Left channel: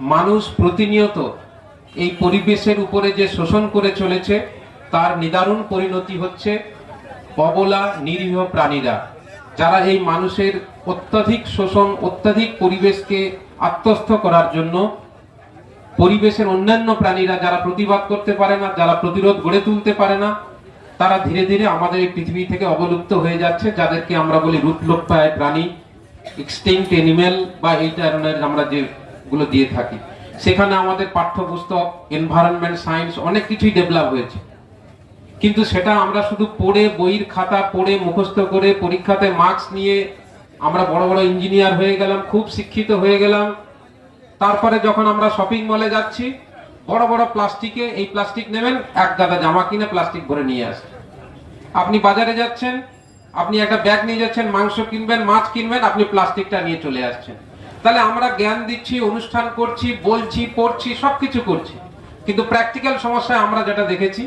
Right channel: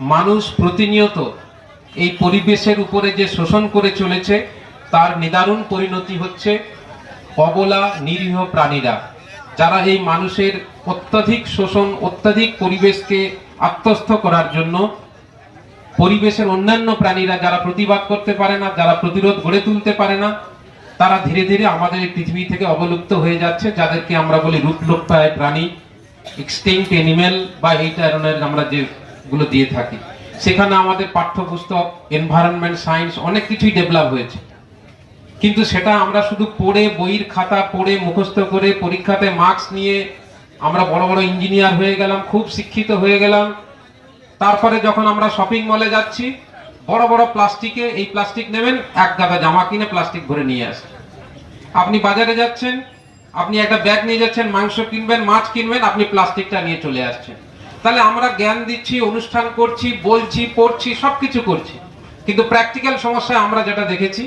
মানুষ প্রতিনিয়ত এই পরিবেশের উপরে যে শোষণ করে চলেছে, তার নিদারুণ পরিণতি হচ্ছে অবলা, নিরীহ প্রাণীরা। যারা এই মানুষের অত্যাধিক শোষণ, অত্যাধিক পরিবেশকে আত্মস্থ করার জন্য পরিবেশের অন্যান্য প্রাণীরা যারা প্রতিবাদ করতে পারে না, যারা প্রতিরোধ গড়ে তুলতে পারে না, তারা ধীরে ধীরে আমাদের এই পৃথিবী থেকে অবলুপ্ত হয়ে যাচ্ছে, যাদেরকে আমরা বলি রূপলোপ্রায় প্রাণী এক্সটিংক্ট এনিম্যাল বা এই ধরনের আমরা যেগুলো দিয়ে থাকি। সেখানে আমাদের পাঠ্যপুস্তক এনভায়রনমেন্ট সায়েন্স অনেক কিছুই ডেভেলপ হয়েছে। কিন্তু সেটা আমরা শুধু পড়ে বইয়ের খাতা পড়ে মুখস্থ করে পরীক্ষাতে মার্কস নিয়ে আমরা বড় বড় ইঞ্জিনিয়ার হয়ে গেলাম, খুব শিক্ষিত হয়ে গেলাম। তারপরে যখন আমরা শপিং মলে যাচ্ছি, বড় বড় প্লাস্টিকে, এই প্লাস্টিক নেবেন, এক গাদা জামা কিনে প্লাস্টিক ভরে নিয়ে আসেন। আপনি বাজারে যাচ্ছেন, আপনি একটা ব্যাগ নিয়ে যাচ্ছেন, মাংস কিনবেন, মাছ কিনবেন, আপনি প্লাস্টিকটা নিয়ে চলে আসছেন। তাহলে আমরা জ্ঞান দিচ্ছি, অনুষ্ঠান করছি, বলছি, পড়ছি, সবকিছু করছি। কিন্তু প্র্যাকটিক্যাল সমস্যায় আমরা যেটা দেখেছি,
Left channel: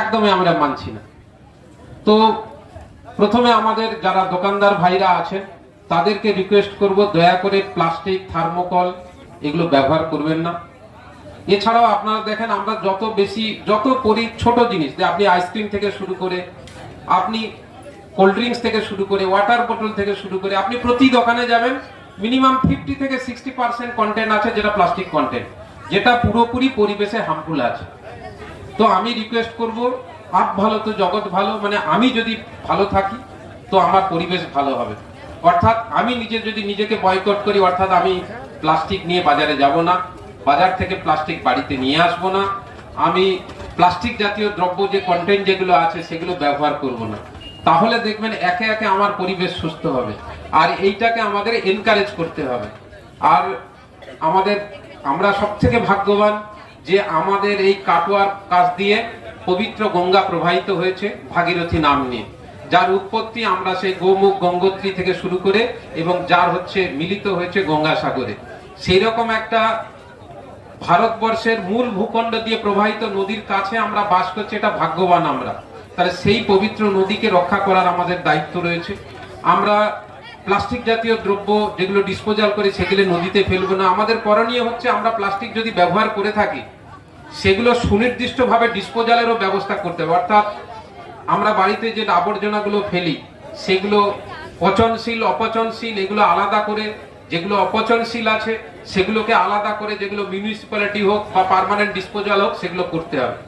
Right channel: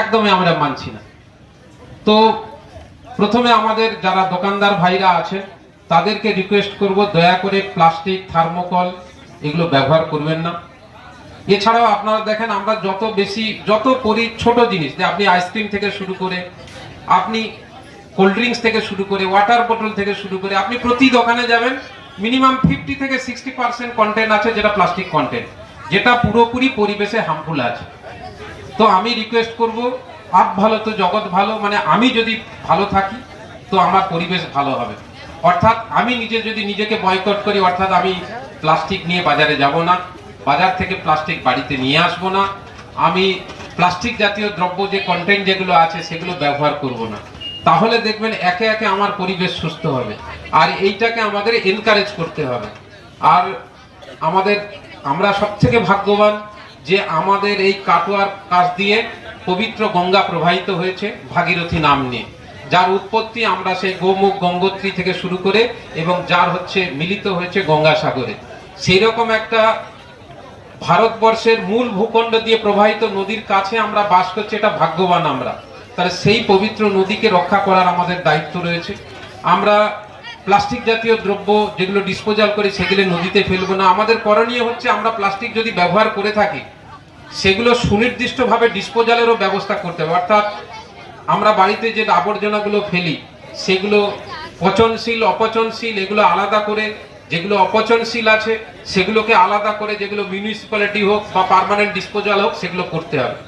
একদমই আমরা মানছি না। তো প্রথমে আমাদের যারা দোকানদার ভাইরা আছেন, তাদেরকে রিকোয়েস্ট করব, দয়া করে প্লাস্টিক থার্মোকল এগুলো ব্যবহার করবেন না। এছাড়াও আপনারা দেখেন, আমরা যত বেশি, যত পরি ছোট জিনিস, যে আপনি আইসক্রিম থেকে শুরু করে, আপনি কোল্ড ড্রিঙ্কস থেকে শুরু করে ওয়াটার বোটল থেকে শুরু করে, আপনি প্রতি দোকানে যাবেন মিনিমাম ফিফটি থেকে সিক্সটি পার্সেন্ট কন্টেন্ট আছে যেটা প্লাস্টিক কন্টেন্ট যেটা পুরোপুরি পরিবেশে হার্মফুল আছে। তো আমি রিকোয়েস্ট করব, আপ ভালো তো জগৎ ভালো মানে আমি যদি ভালো থাকি, তো আমার পরিবেশ ভালো হবে। অর্থাৎ আমি নিজে যদি নিজেকে বয়কট করি, অর্থাৎ আমি প্লাস্টিক নিয়ে বাজারে যাব না, বাজার থেকে প্লাস্টিক বাড়িতে নিয়ে আসব না, আমি প্লাস্টিক জাতীয় দ্রব্য যে কন্টেন্ট যেগুলো আছে, সেগুলো ব্যবহার করব না। তাহলে দেখবেন একে একে আমার পরিবেশ সুস্থ হবে। আর এইটাকে আমাদের এনকারেজ করতে হবে। আর আমাদের, আমরা সব থেকে ভাগ্যবান যে আমাদের এই কাটোয়ার কাছ দিয়ে পবিত্র গঙ্গা প্রবাহিত হয়েছে ভাগীরথী নাম নিয়ে। যার উৎপত্তি আমরা সেই গোমুখ গঙ্গোত্রী থেকে শুরু করে এবং যার হচ্ছে মিলিত হয়েছে গঙ্গাসাগরে। সেই রকম একটা ভারতবর্ষের মূল ভূখণ্ড দিয়ে প্রবাহিত নদীর কাছে আমরা বাস করছি, এটা ভাগ্যবান আমরা। তাহলে সেই পবিত্র নদীকে রক্ষা করার আমাদের দায়িত্ব রয়েছে। আমরা প্লাস্টিক জাতীয় দ্রব্য যেগুলো ডিসপোজাল করে, সেগুলো নদীতে ফেলব না। আমাদের করণীয় হচ্ছে আমরা প্লাস্টিক যদি ব্যবহার করে থাকি, সেগুলো সুনির্দিষ্টভাবে ডিসপোজালেরও ব্যবস্থা করতে হবে। অর্থাৎ আমরা বাড়িতে যে আবর্জনাগুলো ফেলি, সেগুলো পচনশীল, অপচনশীল, এগুলো আলাদা করে, যেগুলো অপচনশীল আছে, সেগুলোকে আলাদা করে, যেগুলো মিউনিসিপ্যালিটি হোক বা পার্মানেন্ট ডিসপোজাল হোক, সেগুলো করতে হবে।